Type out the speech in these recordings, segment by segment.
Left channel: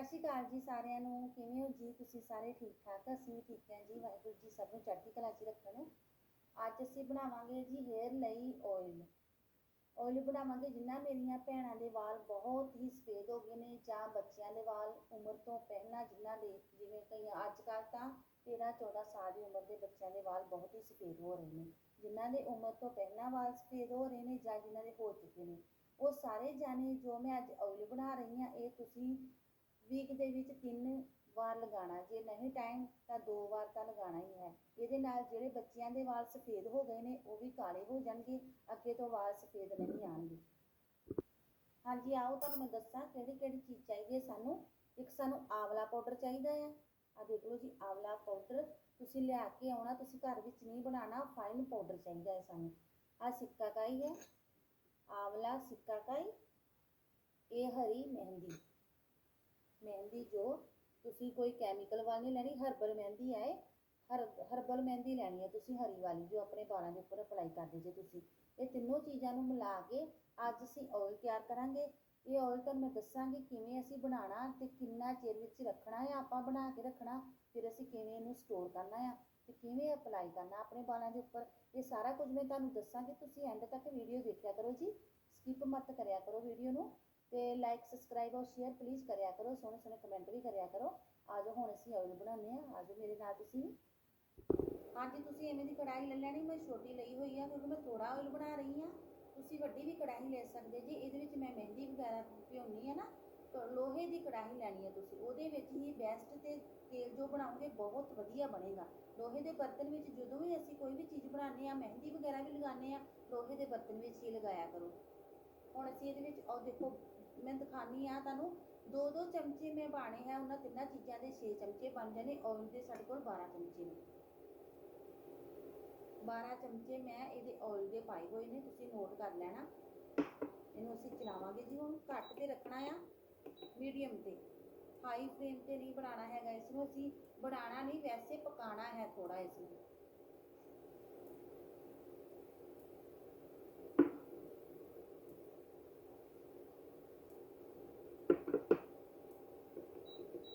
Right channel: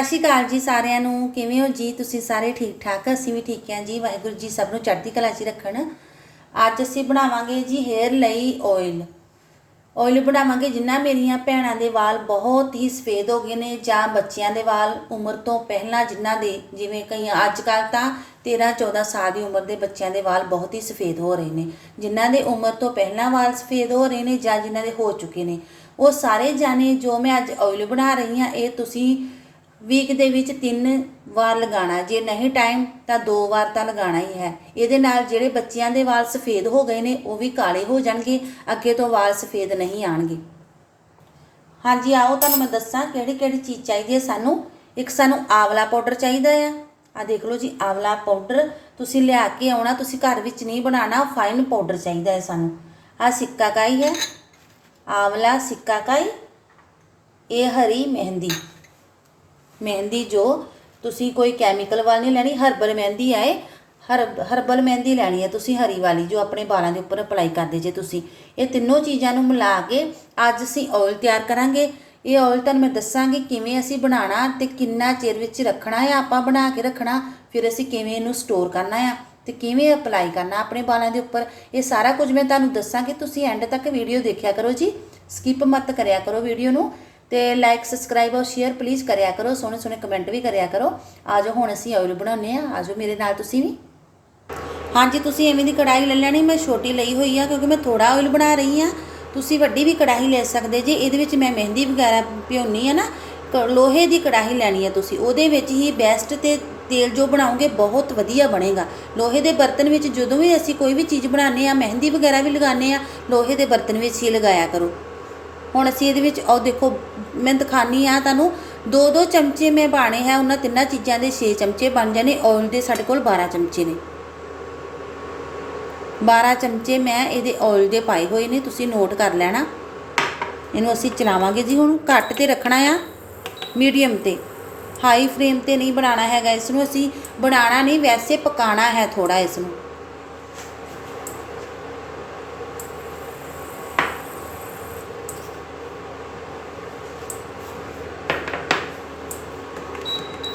ਸਤਿ ਸ਼੍ਰੀ ਅਕਾਲ ਜੀ ਸਾਰਿਆਂ ਨੂੰ। ਕਿਵੇਂ ਹੋ ਜੀ? ਤੁਸੀਂ ਸਾਰੇ ਠੀਕ ਠਾਕ? ਅਸੀਂ ਵੀ ਠੀਕ ਹਾਂ ਜੀ। ਵਾਹਿਗੁਰੂ ਜੀ ਸਭ ਨੂੰ ਚੜ੍ਹਦੀ ਕਲਾ 'ਚ ਰੱਖਣ। ਅੱਜ ਅਸੀਂ ਬਣਾਵਾਂਗੇ ਜੀ ਹੇਅਰ ਲਈ ਆਇਲ ਆਇਲ ਬਣਾਵਾਂਗੇ ਜਿੰਨਾ ਮੇਰੀਆਂ ਭੈਣਾਂ ਦੇ ਵਾਲ ਬਹੁਤ ਹੀ ਸਫੇਦ ਹੋ ਗਏ ਨੇ ਜਾਂ ਬੱਚਿਆਂ ਦੇ ਵਾਲ ਉਮਰ ਤੋਂ ਪਹਿਲਾਂ ਜਿਨ੍ਹਾਂ ਦੇ, ਜਿਵੇਂ ਕਈ ਅੱਜ ਕੱਲ੍ਹ ਤਾਂ 13 14 ਸਾਲ ਦੀ ਉਮਰ ਦੇ ਬੱਚਿਆਂ ਦੇ ਵਾਲ ਬਹੁਤ ਹੀ ਸਫੇਦ ਹੋ ਰਹੇ ਨੇ। ਜਿਨ੍ਹਾਂ ਦੇ ਉਮਰ ਤੋਂ ਪਹਿਲਾਂ ਵਾਲ ਸਫੇਦ ਹੋ ਰਹੇ ਨੇ ਜਾਂ ਜਿਨ੍ਹਾਂ ਦੇ ਹੋ ਚੁੱਕੇ ਨੇ। ਉਹ ਸਾਰੇ ਜਾਣੇ ਜੋ ਮੈਂ ਅੱਜ ਆਇਲ ਬਣਾ ਰਹੀ ਹਾਂ, ਇਹ ਤੁਸੀਂ ਵੀਕ ਦੇ ਵਿੱਚ ਤਿੰਨ ਵਾਰ ਲਗਾਣਾ ਜੇ ਨਹੀਂ ਟਾਈਮ ਤਾਂ ਦੋ ਵਾਰ ਤਾਂ ਲਗਾਣਾ ਹੀ ਹੈ। ਇਹਦੇ ਨਾਲ ਜਿਹੜੇ ਬੱਚਿਆਂ ਦੇ ਵਾਲ ਸਫੇਦ ਹੋ ਗਏ ਨੇ, ਉਹ ਵੀ ਕਾਲੇ ਹੋ ਜਾਣਗੇ। ਅੱਗੇ ਤੋਂ ਵਾਲ ਸਫੇਦ ਨਹੀਂ ਆਣਗੇ ਹਾਂਜੀ, ਆਓ ਤੁਹਾਨੂੰ ਮੈਂ ਦੱਸਾਂ ਕਿਹੜੀ ਕਿਹੜੀ ਚੀਜ਼ ਚਾਹੀਦੀ ਹੈ ਸਾਨੂੰ। ਇੱਕ ਸਾਨੂੰ ਆਵਲਾ ਪਾਊਡਰ ਚਾਹੀਦਾ ਆ। ਆ ਦੇਖ ਲਓ ਜੀ, ਆਵਲਾ ਪਾਊਡਰ ਤੁਸੀਂ ਲਿਆ ਕੇ ਆਉਣਾ, ਤੁਸੀਂ ਘਰ ਵਿੱਚ ਨਹੀਂ ਬਣਾਉਣਾ ਫਾਈਨ ਪਾਊਡਰ ਚਾਹੀਦਾ ਹੈ ਸਾਨੂੰ। ਆ ਸਿੱਕਾ ਕਾਈ ਹੈ। ਆਵਲਾ ਸਿੱਕਾ ਕਾਈ। ਇਹ ਹਰੀ ਮਹਿੰਦੀ। ਮਹਿੰਦੀ ਜੋ ਤੁਸੀਂ ਕੋਈ ਕੈਮੀਕਲ ਵਾਲੀ ਨਹੀਂ ਲੈਣੀ ਹਰਬਲ ਮਹਿੰਦੀ ਆਏ ਹਰ ਹਰਬਲ ਮਹਿੰਦੀ ਲੈਣੀ ਹੈ ਤੁਸੀਂ ਹਰੀ ਵਾਲੀ ਜੋ ਆਪਣੇ ਵਾਲਾਂ ਦੇ ਉੱਪਰ ਅਪਲਾਈ ਕਰਦੇ ਜੇ ਤੁਸੀਂ ਇਹ ਤਿੰਨੋਂ ਚੀਜ਼ਾਂ ਨੂੰ ਮਿਲਾ ਕੇ ਅੱਜ ਅਸੀਂ ਆਇਲ ਤਿਆਰ ਕਰਾਂਗੇ ਇਹ ਆਇਲ ਤੁਹਾਨੂੰ ਮੈਂ ਦੱਸਾਂਗੀ ਕਿਵੇਂ ਅਸੀਂ ਬਣਾਉਣਾ ਤੇ ਕਿੰਨਾ ਚਿਰ ਵਿੱਚ ਰੱਖਣਾ ਹੈ ਆਪਾਂ ਬਣਾ ਕੇ ਰੱਖਣਾ ਫਿਰ ਅਸੀਂ ਕਿਵੇਂ ਇਹਨੂੰ ਸਟੋਰ ਕਰਨਾ ਹੈ ਤੇ ਕਿਵੇਂ ਅਪਲਾਈ ਕਰਨਾ ਆਪਣੇ ਵਾਲਾਂ ਦੇ ਉੱਪਰ ਇਹ ਸਾਰਾ ਕੁਝ ਮੈਂ ਤੁਹਾਨੂੰ ਦੱਸਾਂਗੀ ਤੁਸੀਂ ਐਂਡ ਤੱਕ ਵੀਡੀਓ ਦੇਖਿਆ ਕਰੋ ਜੀ ਸਕਿਪ ਮਤ ਕਰਿਆ ਕਰੋ ਵੀਡੀਓ ਨੂੰ ਤੇ ਲਾਈਕ ਸਬਸਕ੍ਰਾਈਬ ਔਰ ਸ਼ੇਅਰ ਪਲੀਜ਼ ਕਰਿਆ ਕਰੋ, ਸੋਹਣੇ ਸੋਹਣੇ ਕਮੈਂਟ ਵੀ ਕਰਿਆ ਕਰੋ। ਆਜੋ ਹੁਣ ਅਸੀਂ ਆਇਲ ਬਣਾਉਂਦੇ ਆ ਆਜੋ ਮੇਰੇ ਨਾਲ ਤੁਸੀਂ ਵੀ। ਹਾਂਜੀ, ਤੁਸੀਂ ਐਵੇਂ ਦੀ ਕੜਾਈ ਲੈ ਲੈਣੀ, ਮੈਂ ਛੋਟੀ ਲਈ ਹੋਈ ਆ, ਕਿਉਂਕਿ ਮੈਂ ਥੋੜਾ ਆਇਲ ਬਣਾ ਰਹੀ ਆ। ਤੁਸੀਂ ਵੱਡੀ ਵੀ ਕੜਾਹੀ ਲੈ ਸਕਦੇ ਜੇ, ਇਹਦੇ ਵਿੱਚ ਮੈਂ ਮਹਿੰਦੀ ਵਗੈਰਾ ਭਿਉਣੀ ਆ ਨਾ, ਕ- ਲੋਹੇ ਦੀ ਕੜਾਹੀ ਲੈਣੀ ਹੈ ਤੁਸੀਂ। ਉਹਦੇ ਵਿੱਚ ਹੀ ਬੈਸਟ ਤੇ ਤੇਲ ਜੋ ਬਣਾਓਗੇ, ਬਹੁਤ ਵਧੀਆ ਬਣੇਗਾ। ਲੋਹੇ ਦੇ ਬਰਤਨ ਵਿੱਚ ਜਦੋਂ ਵੀ ਅਸੀਂ ਕੋਈ ਵੀ ਚੀਜ਼ ਬਣਾਉਂਦੇ ਆ, ਮਹਿੰਦੀ ਵਗੈਰਾ ਵੀ ਲਗਾਉਂਦੇ ਆ, ਲੋਹੇ ਦੇ ਬਰਤਨ ਵਿੱਚ ਹੀ ਲਗਾਇਆ ਕਰੋ। ਹੁਣ ਅਸੀਂ ਇਹਦੇ ਵਿੱਚ, ਉਹ ਦੇਖੋ, ਮੈਂ ਦਿਖਾਨੀ ਆ ਤੁਹਾਨੂੰ ਦੋ ਦੋ ਚਮਚੇ ਮੈਂ ਪਾਣੇ ਹੈ ਉਹਨਾਂ ਤਿੰਨਾਂ ਚੀਜ਼ਾਂ ਦੇ 6 ਚਮਚੇ ਬਣ ਜਾਣੇ ਆਇਲ ਦੇ ਸਾਡੇ ਕੋਲ 12 ਚਮਚੇ ਨੇ। 12 ਚਮਚੇ ਮੈਂ ਇਹਦੇ ਆਇਲ ਦੇ ਪਾਏ ਹੋਏ ਨੇ, ਤੁਸੀਂ ਨੋਟ ਕਰ ਲੈਣਾ। ਇਹਨੂੰ ਅਸੀਂ ਚਲਾਵਾਂਗੇ ਜੀ ਹੁਣ, ਘੱਟ ਤੇ ਰੱਖਣਾ ਆ ਮੀਡੀਅਮ ਤੇ। ਹਾਈ ਫਲੇਮ ਤੇ ਨਹੀਂ ਬਣਾਉਣਾ ਹੈਗਾ ਇਸ ਨੂੰ ਅਸੀਂ ਬਣਾਉਣਾ ਨਹੀਂ, ਵੈਸੇ ਪਕਾਣਾ ਹੈ ਥੋੜਾ ਇਸ ਨੂੰ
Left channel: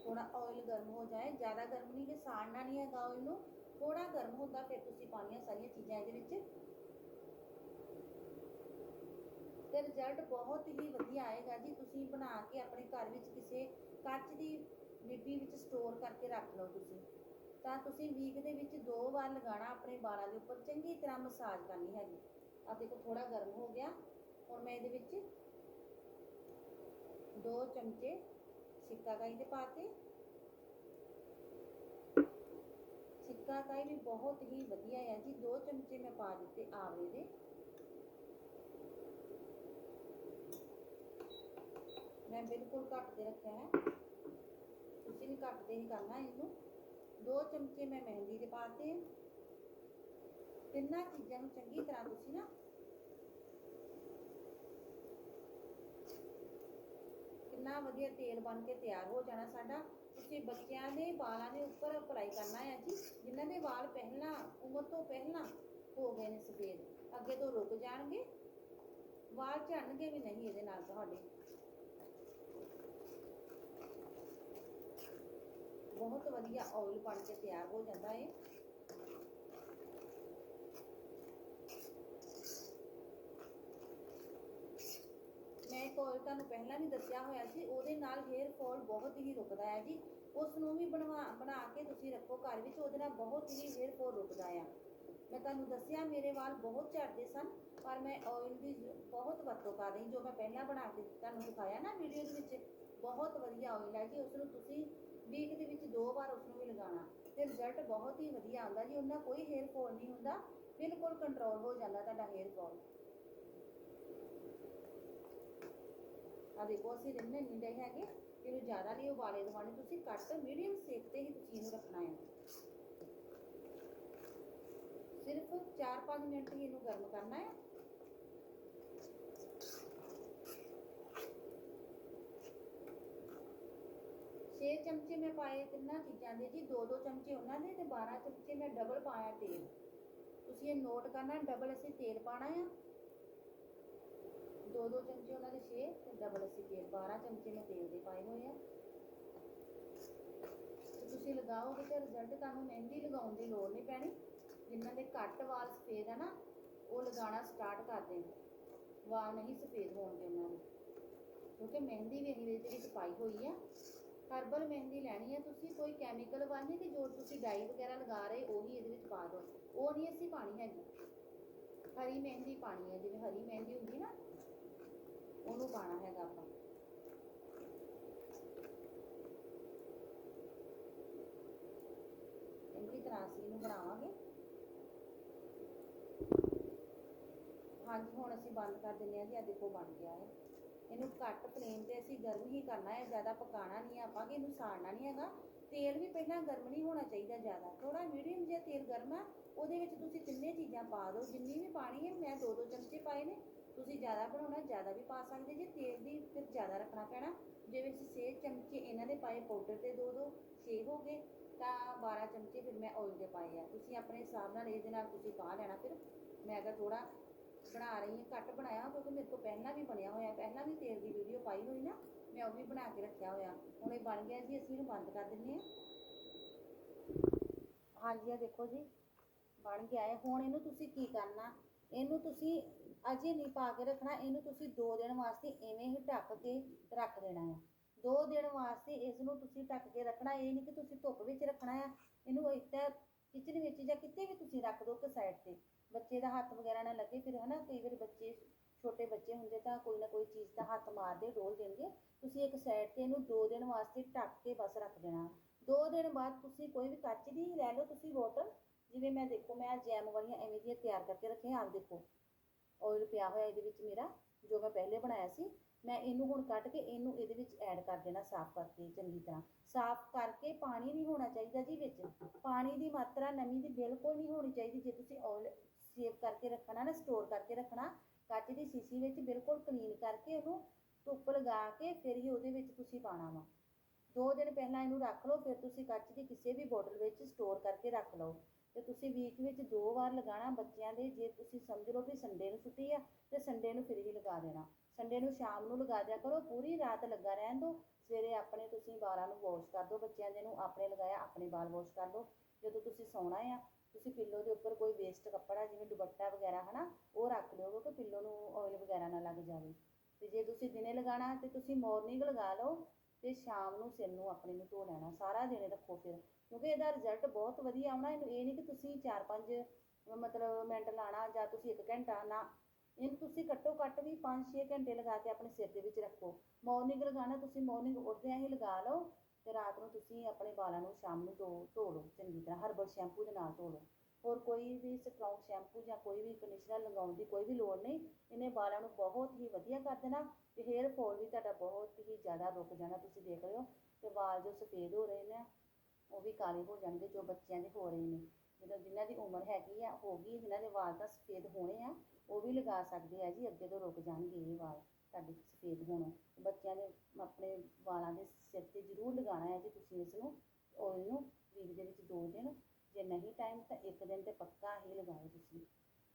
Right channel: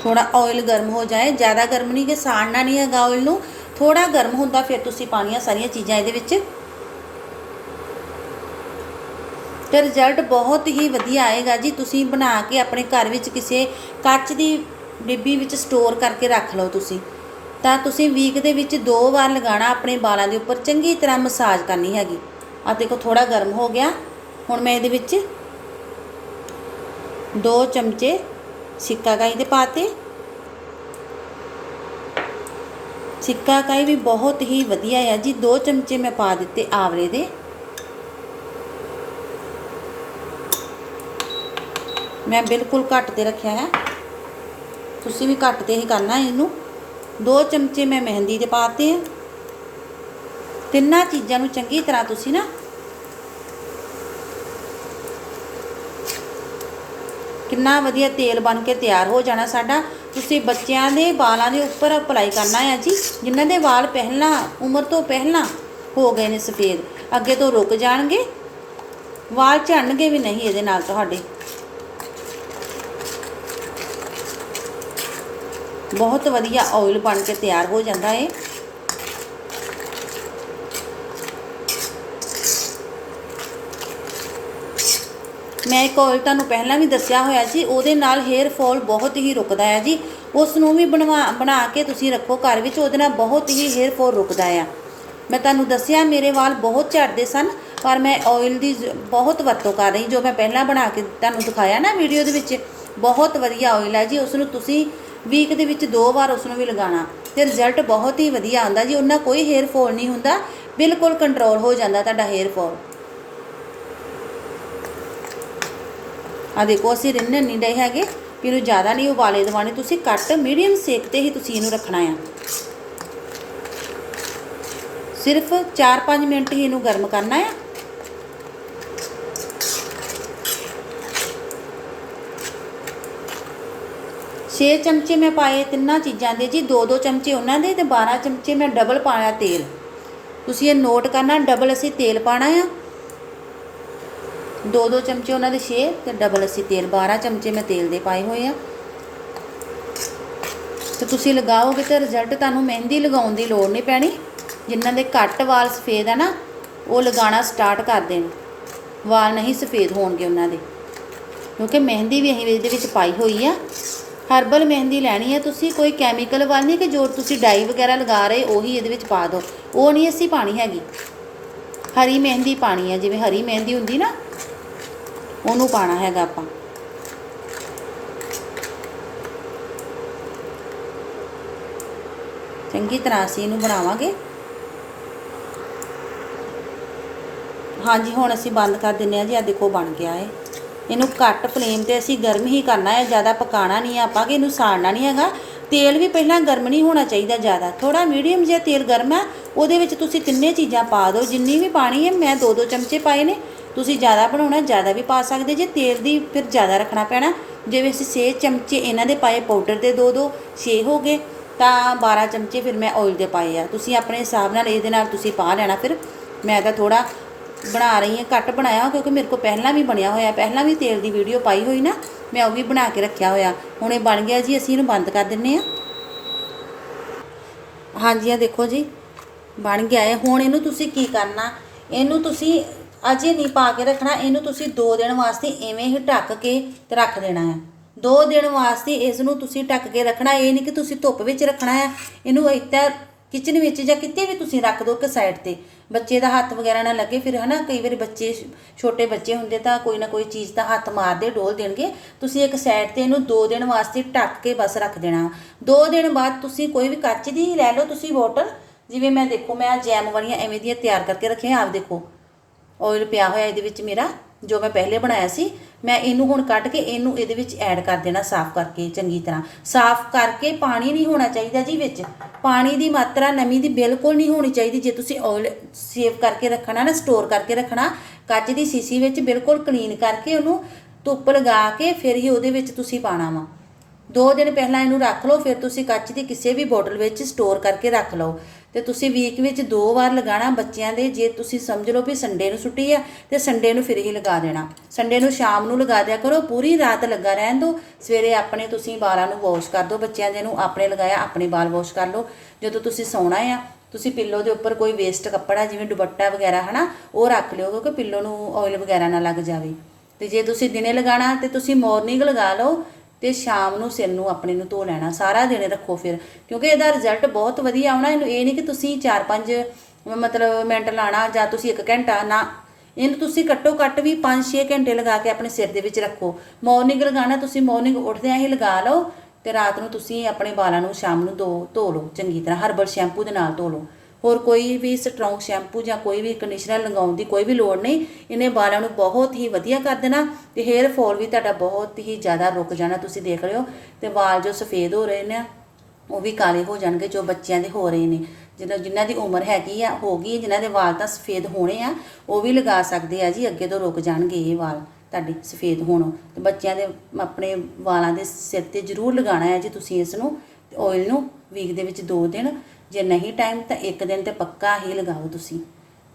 ਥੋੜਾ ਆਇਲ ਗਰਮ ਹੋ ਜਾਏ, ਜ਼ਿਆਦਾ ਗਰਮ ਨਹੀਂ ਕਿ ਸਾੜਨਾ ਨਹੀਂ ਹੈਗਾ ਆਇਲ ਨੂੰ ਥੋੜਾ ਗਰਮ ਹੁੰਦਾ ਫਿਰ ਤੁਸੀਂ ਪਾਣੀਆਂ ਸਾਰੀਆਂ ਚੀਜ਼ਾਂ ਇਹਦੇ ਵਿੱਚ। ਤੇ ਰਿਜ਼ਲਟ ਬਹੁਤ ਹੀ ਵਧੀਆ ਆਏਗਾ ਜੀ, ਤੁਸੀਂ ਬਣਾ ਕੇ ਆਪਣੇ ਘਰ ਵਿੱਚ ਕਿਸੇ ਕੱਚ ਦੀ ਡਿੱਬੀ ਵਿੱਚ ਸਟੋਰ ਕਰਕੇ ਰੱਖ ਲਓ ਤੁਸੀਂ। ਤਾਂ ਤੁਸੀਂ ਵੀਕ ਦੇ ਵਿੱਚ ਦੋ ਵਾਰ ਲਗਾਉਣਾ ਆਪਣੇ ਵਾਲਾਂ ਦੇ ਉੱਪਰ, ਚੰਗੀ ਤਰ੍ਹਾਂ ਮਸਾਜ ਕਰਨੀ ਹੈਗੀ। ਆ ਦੇਖੋ ਥੋੜਾ ਗਰਮ ਹੋ ਗਿਆ, ਹੁਣ ਮੈਂ ਇਹਦੇ ਵਿੱਚ ਦੋ ਚਮਚੇ ਸਿੱਕਾ ਕਾਈ ਦੇ ਪਾਤੇ। ਸਿੱਕਾ ਕਾਈ ਵੀ ਬਹੁਤ ਹੀ ਵਧੀਆ ਹੈ ਜੀ। ਦੋ ਚਮਚੇ ਮੈਂ ਪਾ ਦਿੱਤੇ ਆਵਲੇ ਦੇ। ਮੈਂ ਬਿਲਕੁਲ ਘੱਟ ਤੇ ਰੱਖਿਆ ਹੈ ਤੁਸੀਂ ਵੀ ਘੱਟ ਤੇ ਹੀ ਕਰਨਾ ਇਹਨੂੰ। ਦੋ ਚਮਚੇ ਮੈਂ ਮਹਿੰਦੀ ਦੇ ਪਾਤੇ ਆ। ਤਿੰਨਾਂ ਚੀਜ਼ਾਂ ਨੂੰ ਚੰਗੀ ਤਰ੍ਹਾਂ ਤੁਸੀਂ ਨਾ ਕਿੰਨਾ ਵਧੀਆ ਤੇਲ ਬਣ ਕੇ ਤਿਆਰ ਹੋ ਜਾਣਾ ਸਾਡਾ। ਤੁਸੀਂ ਬੱਚਿਆਂ ਦੇ ਵਾਲਾਂ ਦੇ ਉੱਪਰ ਅਪਲਾਈ ਕਰਨਾ ਹੈ ਜੀ। ਜਿਨ੍ਹਾਂ ਦੇ ਵਾਲ ਪਹਿਲਾਂ, ਉਮਰ ਤੋਂ ਪਹਿਲਾਂ ਹੋ ਗਏ ਨੇ ਸਫੇਦ, ਅੱਗੇ ਤੋਂ ਰੁਕ ਜਾਣਗੇ। ਵਾਲ ਝੜਨਗੇ ਵੀ ਨਹੀਂ ਇਹਦੇ ਨਾਲ ਤੁਹਾਡੇ। ਬਹੁਤ ਵਧੀਆ ਆਇਲ ਬਣ ਕੇ ਤਿਆਰ ਹੋ ਜਾਂਦਾ ਹੈ ਮੈਂ ਇੱਕ ਆਇਲ ਤੁਹਾਨੂੰ ਪਹਿਲਾਂ ਵੀ ਦੱਸਿਆ ਹੋਇਆ ਸੀ, ਉਹਦੇ ਨਾਲ ਹੇਅਰ ਫਾਲ ਬਹੁਤ ਹੀ ਰੁਕਦਾ ਹੈ ਜੀ। ਉਸ ਨੂੰ ਵੀ ਬਣਵਾ, ਬਣਾ ਕੇ ਤੁਸੀਂ ਰੱਖੋ ਘਰ ਵਿੱਚ, ਉਹਦੇ ਨਾਲ ਬਹੁਤ ਹੀ ਹੇਅਰ ਫਾਲ ਰੁਕਦਾ ਆ। ਮੈਂ ਤੁਹਾਨੂੰ ਦੱਸਿਆ, ਮੇਰੇ ਵਾਲ ਬਹੁਤ ਝੜਦੇ ਸਨ, ਪਰ ਮੈਂ ਆਇਲ ਦੀ ਬਹੁਤ ਵਰਤੋਂ ਕਰ ਰਹੀ ਜੋ ਮੈਂ ਪਹਿਲਾਂ ਬਣਾ ਕੇ ਤੁਹਾਨੂੰ ਦਿਖਾਇਆ ਨਾ ਵੀਡੀਓ ਦੇ ਵਿੱਚ, ਬਹੁਤ ਵਧੀਆ ਆਇਲ ਹੈ ਜੀ। ਉਸ ਨੂੰ ਤੁਸੀਂ ਵੀਕ ਦੇ ਵਿੱਚ ਦੋ ਵਾਰ ਉਸ ਨੂੰ ਵੀ ਲਗਾਉਣਾ, ਤੇ ਰਿਜ਼ਲਟ ਬਹੁਤ ਹੀ ਵਧੀਆ ਆਉਂਦਾ ਜੀ। ਉਹਨਾਂ ਕੋਈ ਹੇਅਰ ਫਾਲ ਨਹੀਂ ਹੁੰਦਾ, ਬਿਲਕੁਲ ਕੰਟਰੋਲ ਹੋ ਜਾਂਦਾ ਤੁਹਾਡਾ ਹੇਅਰ ਫਾਲ ਆ ਦੇਖੋ, ਅਸੀਂ ਰਿੰਨ ਨਹੀਂ ਰਹੇ ਹੈਗੇ ਵੀ ਇਹਨੂੰ ਜ਼ਿਆਦਾ ਨਹੀਂ ਉਬਾਲੇ ਦਵਾਣੇ ਤੁਸੀਂ ਘੱਟ ਮੀਡੀਅਮ ਸੇਕ ਤੇ ਹੀ ਤੁਸੀਂ ਇਹਨੂੰ ਰੱਖਣਾ ਆ। ਸਿਰਫ 4-5 ਮਿੰਟ ਹੀ ਇਹਨੂੰ ਗਰਮ ਕਰਨਾ ਆ। ਛੇ ਚਮਚੇ ਮੈਂ ਪਾਏ ਤਿੰਨਾਂ ਚੀਜ਼ਾਂ ਦੇ ਜੀ ਦੋ ਦੋ ਚਮਚੇ ਉਹਨਾਂ ਦੇ ਤੇ 12 ਚਮਚੇ ਮੈਂ ਡਬਲ ਪਾਇਆ ਤੇਲ। ਤੁਸੀਂ ਇਹ ਨੋਟ ਕਰਨਾ ਡਬਲ ਅਸੀਂ ਤੇਲ ਪਾਣਾ ਆ। ਦੋ ਦੋ ਚਮਚੇ ਉਹਨਾਂ ਦੇ 6 ਤੇ ਡਬਲ ਅਸੀਂ ਤੇਲ 12 ਚਮਚੇ ਮੈਂ ਤੇਲ ਦੇ ਪਾਏ ਹੋਏ ਆ। ਤੇ ਤੁਸੀਂ ਲਗਾਓਗੇ ਤੇ ਰਿਜ਼ਲਟ ਤੁਹਾਨੂੰ ਮਹਿੰਦੀ ਲਗਾਉਣ ਦੀ ਲੋੜ ਨਹੀਂ ਪੈਣੀ। ਜਿਨ੍ਹਾਂ ਦੇ ਘੱਟ ਵਾਲ ਸਫੇਦ ਆ ਨਾ, ਉਹ ਲਗਾਉਣਾ ਸਟਾਰਟ ਕਰ ਦੇਣ। ਵਾਲ ਨਹੀਂ ਸਫੇਦ ਹੋਣਗੇ ਉਹਨਾਂ ਦੇ। ਕਿਉਂਕਿ ਮਹਿੰਦੀ ਵੀ ਅਸੀਂ ਇਹਦੇ ਵਿੱਚ ਪਾਈ ਹੋਈ ਆ। ਹਰਬਲ ਮਹਿੰਦੀ ਲੈਣੀ ਹੈ ਤੁਸੀਂ, ਕੋਈ ਕੈਮੀਕਲ ਵਾਲ ਨਹੀਂ ਕਿ ਜੋ ਤੁਸੀਂ ਡਾਈ ਵਗੈਰਾ ਲਗਾ ਰਹੇ, ਉਹੀ ਇਹਦੇ ਵਿੱਚ ਪਾ ਦਿਓ। ਉਹ ਨਹੀਂ ਅਸੀਂ ਪਾਣੀ ਹੈਗੀ। ਹਰੀ ਮਹਿੰਦੀ ਪਾਣੀ ਹੈ ਜਿਵੇਂ ਹਰੀ ਮਹਿੰਦੀ ਹੁੰਦੀ ਨਾ ਉਹਨੂੰ ਪਾਣਾ ਹੈਗਾ ਆਪਾਂ। ਚੰਗੀ ਤਰ੍ਹਾਂ ਅਸੀਂ ਇਹਨੂੰ ਬਣਾਵਾਂਗੇ। ਹਾਂਜੀ, ਹੁਣ ਅਸੀਂ ਬੰਦ ਕਰ ਦਿੰਨੇ ਆ ਜੀ ਆ ਦੇਖੋ ਬਣ ਗਿਆ ਏ ਇਹਨੂੰ ਘੱਟ ਫਲੇਮ ਤੇ ਅਸੀਂ ਗਰਮ ਹੀ ਕਰਨਾ ਹੈ, ਜ਼ਿਆਦਾ ਪਕਾਣਾ ਨਹੀਂ ਹੈ ਆਪਾਂ, ਕਿ ਇਹਨੂੰ ਸਾੜਨਾ ਨਹੀਂ ਹੈਗਾ। ਤੇਲ ਵੀ ਪਹਿਲਾਂ ਗਰਮ ਨਹੀਂ ਹੋਣਾ ਚਾਹੀਦਾ ਜ਼ਿਆਦਾ। ਥੋੜਾ ਮੀਡੀਅਮ ਜਿਹਾ ਤੇਲ ਗਰਮ ਹੈ, ਉਹਦੇ ਵਿੱਚ ਤੁਸੀਂ ਤਿੰਨੇ ਚੀਜ਼ਾਂ ਪਾ ਦਿਓ। ਜਿੰਨੀ ਵੀ ਪਾਣੀ ਹੈ, ਮੈਂ ਦੋ ਦੋ ਚਮਚੇ ਪਾਏ ਨੇ। ਤੁਸੀਂ ਜ਼ਿਆਦਾ ਬਣਾਉਣਾ, ਜ਼ਿਆਦਾ ਵੀ ਪਾ ਸਕਦੇ ਜੇ, ਤੇਲ ਦੀ ਫਿਰ ਜ਼ਿਆਦਾ ਰੱਖਣਾ ਪੈਣਾ। ਜਿਵੇਂ ਅਸੀਂ 6 ਚਮਚੇ ਇਹਨਾਂ ਦੇ ਪਾਏ, ਪਾਊਡਰ ਦੇ ਦੋ ਦੋ 6 ਹੋ ਗਏ, ਤਾਂ 12 ਚਮਚੇ ਫਿਰ ਮੈਂ ਆਇਲ ਦੇ ਪਾਏ ਆ। ਤੁਸੀਂ ਆਪਣੇ ਹਿਸਾਬ ਨਾਲ ਇਹਦੇ ਨਾਲ ਤੁਸੀਂ ਪਾ ਲੈਣਾ ਫਿਰ। ਮੈਂ ਤਾਂ ਥੋੜਾ ਬਣਾ ਰਹੀ ਹਾਂ, ਘੱਟ ਬਣਾਇਆ ਕਿਉਂਕਿ ਮੇਰੇ ਕੋਲ ਪਹਿਲਾਂ ਵੀ ਬਣਿਆ ਹੋਇਆ, ਪਹਿਲਾਂ ਵੀ ਤੇਲ ਦੀ ਵੀਡੀਓ ਪਾਈ ਹੋਈ ਨਾ, ਮੈਂ ਉਹ ਵੀ ਬਣਾ ਕੇ ਰੱਖਿਆ ਹੋਇਆ। ਹੁਣ ਇਹ ਬਣ ਗਿਆ ਜੀ, ਅਸੀਂ ਇਹਨੂੰ ਬੰਦ ਕਰ ਦਿੰਨੇ ਆ। ਹਾਂਜੀ ਆ ਦੇਖੋ ਜੀ, ਬਣ ਗਿਆ ਹੈ ਹੁਣ ਇਹਨੂੰ ਤੁਸੀਂ ਕੀ ਕਰਨਾ? ਇਹਨੂੰ ਤੁਸੀਂ ਅਜੇ ਨਹੀਂ ਪਾ ਕੇ ਰੱਖਣਾ, ਇਹਨੂੰ ਤੁਸੀਂ 2 ਦਿਨ ਵਾਸਤੇ ਐਵੇਂ ਹੀ ਢੱਕ ਕੇ ਤੇ ਰੱਖ ਦੇਣਾ ਹੈ। 2 ਦਿਨ ਵਾਸਤੇ ਇਸ ਨੂੰ ਤੁਸੀਂ ਢੱਕ ਕੇ ਰੱਖਣਾ, ਇਹ ਨਹੀਂ ਕਿ ਤੁਸੀਂ ਧੁੱਪ ਵਿੱਚ ਰੱਖਣਾ ਹੈ। ਇਹਨੂੰ ਇੱਦਾਂ ਕਿਚਨ ਵਿੱਚ ਜਾਂ ਕਿਤੇ ਵੀ ਤੁਸੀਂ ਰੱਖ ਦਿਓ ਕਿ ਸਾਈਡ ਤੇ। ਬੱਚੇ ਦਾ ਹੱਥ ਵਗੈਰਾ ਨਾ ਲੱਗੇ, ਫਿਰ ਹਨਾ, ਕਈ ਵਾਰੀ ਬੱਚੇ ਛੋਟੇ ਬੱਚੇ ਹੁੰਦੇ ਤਾਂ ਕੋਈ ਨਾ ਕੋਈ ਚੀਜ਼ ਦਾ ਹੱਥ ਮਾਰਦੇ, ਡੋਲ ਦੇਣਗੇ। ਤੁਸੀਂ ਇੱਕ ਸਾਈਡ ਤੇ ਇਹਨੂੰ 2 ਦਿਨ ਵਾਸਤੇ ਢੱਕ ਕੇ ਬਸ ਰੱਖ ਦੇਣਾ। 2 ਦਿਨ ਬਾਅਦ ਤੁਸੀਂ ਕੋਈ ਵੀ ਕੱਚ ਦੀ ਲੈ ਲਓ, ਤੁਸੀਂ ਬੋਟਲ ਜਿਵੇਂ ਮੈਂ ਦੇਖੋ, ਮੈਂ ਜੈਮ ਵਾਲੀਆਂ ਐਵੇਂ ਦੀਆਂ ਤਿਆਰ ਕਰਕੇ ਰੱਖੀਆਂ, ਆਪ ਦੇਖੋ। ਆਇਲ ਪਿਆ ਹੋਇਆ ਇਹਦੇ ਵਿੱਚ ਮੇਰਾ, ਜੋ ਮੈਂ ਪਹਿਲੇ ਬਣਾਇਆ ਸੀ, ਮੈਂ ਇਹਨੂੰ ਹੁਣ ਕੱਢ ਕੇ ਇਹਨੂੰ ਇਹਦੇ ਵਿੱਚ ਐਡ ਕਰ ਦੇਣਾ ਸਾਫ਼ ਕਰਕੇ, ਚੰਗੀ ਤਰ੍ਹਾਂ। ਸਾਫ਼ ਕਰਕੇ ਪਾਣੀ ਨਹੀਂ ਹੋਣਾ ਚਾਹੀਦਾ ਜੀ ਵਿੱਚ। ਪਾਣੀ ਦੀ ਮਾਤਰਾ ਨਮੀ ਦੀ ਬਿਲਕੁਲ ਨਹੀਂ ਹੋਣੀ ਚਾਹੀਦੀ। ਜੇ ਤੁਸੀਂ ਆਇਲ ਸੇਵ ਕਰਕੇ ਰੱਖਣਾ ਨਾ ਸਟੋਰ ਕਰਕੇ ਰੱਖਣਾ, ਕੱਚ ਦੀ ਸੀਸੀ ਵਿੱਚ ਬਿਲਕੁਲ ਕਲੀਨ ਕਰਕੇ ਉਹਨੂੰ ਧੁੱਪ ਲਗਾ ਕੇ ਫਿਰ ਹੀ ਉਹਦੇ ਵਿੱਚ ਤੁਸੀਂ ਪਾਣਾ ਵਾ। ਦੋ ਦਿਨ ਪਹਿਲਾਂ ਇਹਨੂੰ ਰੱਖ ਲਓ, ਫਿਰ ਤੁਸੀਂ ਕੱਚ ਦੀ ਕਿਸੇ ਵੀ ਬੋਟਲ ਵਿੱਚ ਸਟੋਰ ਕਰਕੇ ਰੱਖ ਲਓ। ਤੇ ਤੁਸੀਂ ਵੀਕ ਵਿੱਚ ਦੋ ਵਾਰ ਲਗਾਣਾ ਬੱਚਿਆਂ ਦੇ, ਜੇ ਤੁਸੀਂ ਸਮਝ ਲਓ ਵੀ ਸੰਡੇ ਨੂੰ ਛੁੱਟੀ ਆ, ਤੇ ਸੰਡੇ ਨੂੰ ਫਿਰ ਹੀ ਲਗਾ ਦੇਣਾ। ਸੰਡੇ ਨੂੰ ਸ਼ਾਮ ਨੂੰ ਲਗਾ ਦਿਆ ਕਰੋ, ਪੂਰੀ ਰਾਤ ਲੱਗਾ ਰਹਿਣ ਦਿਓ। ਸਵੇਰੇ ਆਪਣੇ ਤੁਸੀਂ ਬਾਲਾਂ ਨੂੰ ਵਾਸ਼ ਕਰ ਦਿਓ, ਬੱਚਿਆਂ ਦੇ ਨੂੰ ਆਪਣੇ ਲਗਾਇਆ, ਆਪਣੇ ਬਾਲ ਵਾਸ਼ ਕਰ ਲਓ। ਜਦੋਂ ਤੁਸੀਂ ਸੌਣਾ ਆ, ਤੁਸੀਂ ਪਿੱਲੋ ਦੇ ਉੱਪਰ ਕੋਈ ਵੇਸਟ ਕੱਪੜਾ, ਜਿਵੇਂ ਦੁਪੱਟਾ ਵਗੈਰਾ, ਹਨਾ, ਉਹ ਰੱਖ ਲਿਓ, ਕਿਉਂਕਿ ਪਿੱਲੋ ਨੂੰ ਆਇਲ ਵਗੈਰਾ ਨਾ ਲੱਗ ਜਾਵੇ। ਤੇ ਜੇ ਤੁਸੀਂ ਦਿਨੇ ਲਗਾਣਾ ਤੇ ਤੁਸੀਂ ਮਾਰਨਿੰਗ ਲਗਾ ਲਓ ਤੇ ਸ਼ਾਮ ਨੂੰ ਸਿਰ ਨੂੰ ਆਪਣੇ ਨੂੰ ਧੋ ਲੈਣਾ, ਸਾਰਾ ਦਿਨ ਰੱਖੋ ਫਿਰ। ਕਿਉਂਕਿ ਇਹਦਾ ਰਿਜ਼ਲਟ ਬਹੁਤ ਵਧੀਆ ਆਉਣਾ, ਇਹਨੂੰ ਇਹ ਨਹੀਂ ਕਿ ਤੁਸੀਂ 4-5 ਮਤਲਬ ਮਿੰਟ ਲਾਣਾ ਜਾਂ ਤੁਸੀਂ 1 ਘੰਟਾ, ਨਾ। ਇਹਨੂੰ ਤੁਸੀਂ ਘੱਟੋ ਘੱਟ ਵੀ 5-6 ਘੰਟੇ ਲਗਾ ਕੇ ਆਪਣੇ ਸਿਰ ਦੇ ਵਿੱਚ ਰੱਖੋ। ਮਾਰਨਿੰਗ ਲਗਾਣਾ ਤੁਸੀਂ ਮਾਰਨਿੰਗ ਉੱਠਦਿਆਂ ਹੀ ਲਗਾ ਲਓ ਤੇ ਰਾਤ ਨੂੰ ਤੁਸੀਂ ਆਪਣੇ ਵਾਲਾਂ ਨੂੰ ਸ਼ਾਮ ਨੂੰ ਧੋ ਧੋ ਲਓ, ਚੰਗੀ ਤਰ੍ਹਾਂ। ਹਰਬਲ ਸ਼ੈਂਪੂ ਦੇ ਨਾਲ ਧੋ ਲਓ। ਹੋਰ ਕੋਈ ਵੀ ਸਟਰੋਂਗ ਸ਼ੈਂਪੂ ਜਾਂ ਕੋਈ ਵੀ ਕੰਡੀਸ਼ਨਰ ਲਗਾਉਣ ਦੀ ਕੋਈ ਵੀ ਲੋੜ ਨਹੀਂ, ਇਹਨੇ ਵਾਲਾਂ ਨੂੰ ਬਹੁਤ ਹੀ ਵਧੀਆ ਕਰ ਦੇਣਾ ਤੇ ਹੇਅਰ ਫਾਲ ਵੀ ਤੁਹਾਡਾ ਬਹੁਤ ਹੀ ਜ਼ਿਆਦਾ ਰੁਕ ਜਾਣਾ, ਤੁਸੀਂ ਦੇਖ ਰਹੇ ਹੋ, ਤੇ ਵਾਲ ਜੋ ਸਫੇਦ ਹੋ ਰਹੇ ਨੇ, ਉਹ ਵੀ ਕਾਲੇ ਹੋ ਜਾਣਗੇ ਜੋ ਬੱਚਿਆਂ ਦੇ ਹੋ ਰਹੇ ਨੇ। ਜਿਹਨਾਂ ਜਿਨ੍ਹਾਂ ਦੀ ਉਮਰ ਹੈਗੀ ਆ, ਹੋ ਗਈ, ਜਿਨ੍ਹਾਂ ਦੇ ਵਾਲ ਤਾਂ ਸਫੇਦ ਹੋਣੇ ਆ, ਉਹ ਵੀ ਲਗਾ ਸਕਦੇ ਆ ਜੀ, ਅੱਗੇ ਤੋਂ ਰੁਕ ਜਾਣਗੇ ਇਹ ਵਾਲ ਤੁਹਾਡੇ ਸਫੇਦ ਹੋਣੋਂ। ਤੇ ਬੱਚਿਆਂ ਦੇ ਆਪਣੇ ਵਾਲਾਂ ਦੇ ਸਿਰ ਤੇ ਜ਼ਰੂਰ ਲਗਾਉਣਾ ਹੈ ਜੀ ਤੁਸੀਂ ਇਸ ਨੂੰ ਆਇਲ ਨੂੰ ਵੀਕ ਦੇ ਵਿੱਚ 2 ਦਿਨ। ਜੇ ਨਹੀਂ ਟਾਈਮ ਤਾਂ ਇੱਕ ਦਿਨ ਤੇ ਪੱਕਾ ਹੀ ਲਗਾਓ ਤੁਸੀਂ।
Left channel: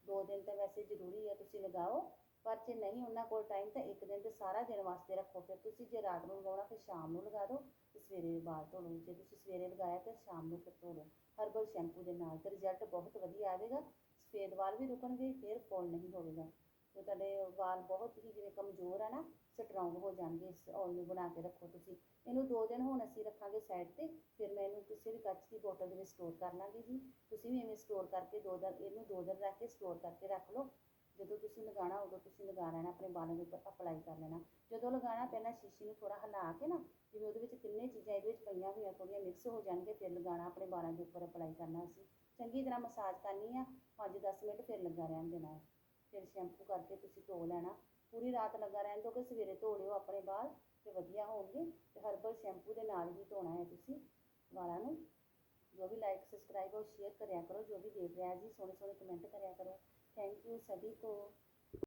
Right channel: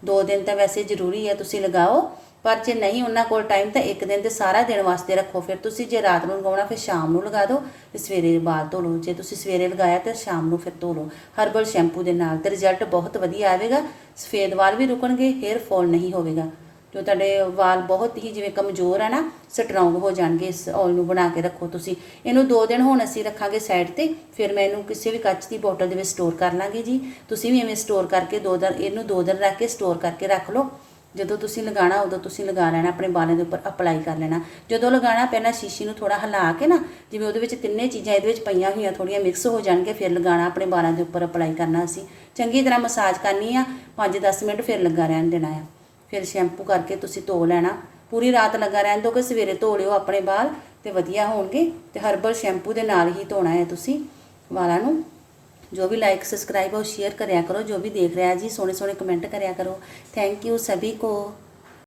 ਦੋ ਦਿਨ ਤਾਂ ਵੈਸੇ ਜ਼ਰੂਰੀ ਹੈ ਤੁਸੀਂ ਲਗਾਓ, ਪਰ ਜੇ ਨਹੀਂ ਉਹਨਾਂ ਕੋਲ ਟਾਈਮ ਤਾਂ ਇੱਕ ਦਿਨ ਤੇ ਸਾਰਾ ਦਿਨ ਵਾਸਤੇ ਰੱਖੋ। ਫਿਰ ਤੁਸੀਂ ਜੇ ਰਾਤ ਨੂੰ ਲਗਾਉਣਾ, ਫਿਰ ਸ਼ਾਮ ਨੂੰ ਲਗਾ ਦਿਓ ਤੇ ਸਵੇਰੇ ਬਾਅਦ ਧੋ ਲਓ। ਜੇ ਤੁਸੀਂ ਸਵੇਰੇ ਲਗਾਇਆ ਤਾਂ ਸ਼ਾਮ ਨੂੰ ਫਿਰ ਧੋ ਲਓ। ਹਰਬਲ ਸ਼ੈਂਪੂ ਦੇ ਨਾਲ ਤੇ ਰਿਜ਼ਲਟ ਬਹੁਤ ਵਧੀਆ ਆਵੇਗਾ। ਸਫੇਦ ਵਾਲ ਵੀ ਰੁਕਣਗੇ, ਹੇਅਰ ਫਾਲ ਨਹੀਂ ਹੋਵੇਗਾ। ਜੋ ਤੁਹਾਡੇ ਵਾਲ ਬਹੁਤ ਹੀ ਜਿਵੇਂ ਕਮਜ਼ੋਰ ਆ ਨਾ ਸਟਰੋਂਗ ਹੋ ਜਾਣਗੇ ਇਸ ਔਲ ਨੂੰ ਬਣਾ ਕੇ ਰੱਖੋ ਤੁਸੀਂ। ਇਹਨੂੰ 2 ਦਿਨ ਹੁਣ ਅਸੀਂ ਰੱਖਾਂਗੇ ਸਾਈਡ ਤੇ, ਫਿਰ ਮੈਂ ਇਹਨੂੰ ਕਿਸੇ ਵੀ ਕੱਚ ਦੀ ਬੋਟਲ ਦੇ ਵਿੱਚ ਸਟੋਰ ਕਰ ਲਾਂਗੇ ਜੀ। ਤੁਸੀਂ ਵੀ ਐਵੇਂ ਸਟੋਰ ਕਰਕੇ 2 ਦਿਨ, ਇਹਨੂੰ 2 ਦਿਨ ਰੱਖ ਕੇ ਸਟੋਰ ਕਰਕੇ ਰੱਖ ਲਓ। ਜਦੋਂ ਤੁਸੀਂ ਲਗਾਣਾ ਉਦੋਂ ਤੁਸੀਂ ਲਗਾ ਲੈਣਾ, ਆਪਣੇ ਬਾਲਾਂ ਦੇ ਉੱਪਰ ਅਪਲਾਈ ਕਰ ਲੈਣਾ। ਜਦੋਂ ਲਗਾਣਾ ਪਹਿਲਾਂ ਸ਼ੀਸ਼ੀ ਨੂੰ ਥੋੜਾ ਹਿਲਾ ਕੇ ਨਾ, ਜਿਵੇਂ ਉਹਦੇ ਵਿੱਚ ਤਿੰਨੇ ਚੀਜ਼ਾਂ ਇਹਦੇ ਵਿੱਚ ਪਈਆਂ ਹੋਈਆਂ ਥੋੜੀਆਂ ਮਿਕਸ ਹੋ ਜਾਣਗੇ, ਫਿਰ ਲਗਾਣਾ ਆਪਣੇ ਬਾਲਾਂ ਦੇ ਉੱਪਰ ਅਪਲਾਈ ਕਰਨਾ ਅਸੀਂ। ਚੰਗੀ ਤਰ੍ਹਾਂ ਮਸਾਜ ਕਰਨੀ ਆ 5-10 ਮਿੰਟ ਫਿਰ ਲੱਗਾ ਰਹਿਣ ਦੇਣਾ ਆ। ਫਿਰ ਸ਼ੈਂਪੂ ਕਰਕੇ ਤੁਸੀਂ ਧੋ ਲੈਣਾ ਪੂਰੀ ਰਾਤ ਲੱਗਾ ਰਹਿਣ ਦਿਓ ਕਿ ਸਵੇਰੇ ਧੋ ਲਿਓ ਆਪਣੇ ਵਾਲ ਤੇ ਵਧੀਆ ਹੋਣਗੇ ਤੇ ਹਰਬਲ ਸ਼ੈਂਪੂ ਦੇ ਨਾਲ ਹੀ ਧੋਣਾ ਹੈ ਤੁਸੀਂ ਵਾਲਾਂ ਨੂੰ ਜੋ ਵੀ ਲਾਈਕ ਸਬਸਕ੍ਰਾਈਬ और शेयर करिया करो जो भी देख रहा है जी सोने सोने कमेंट करिया करो थैंक यू सभी को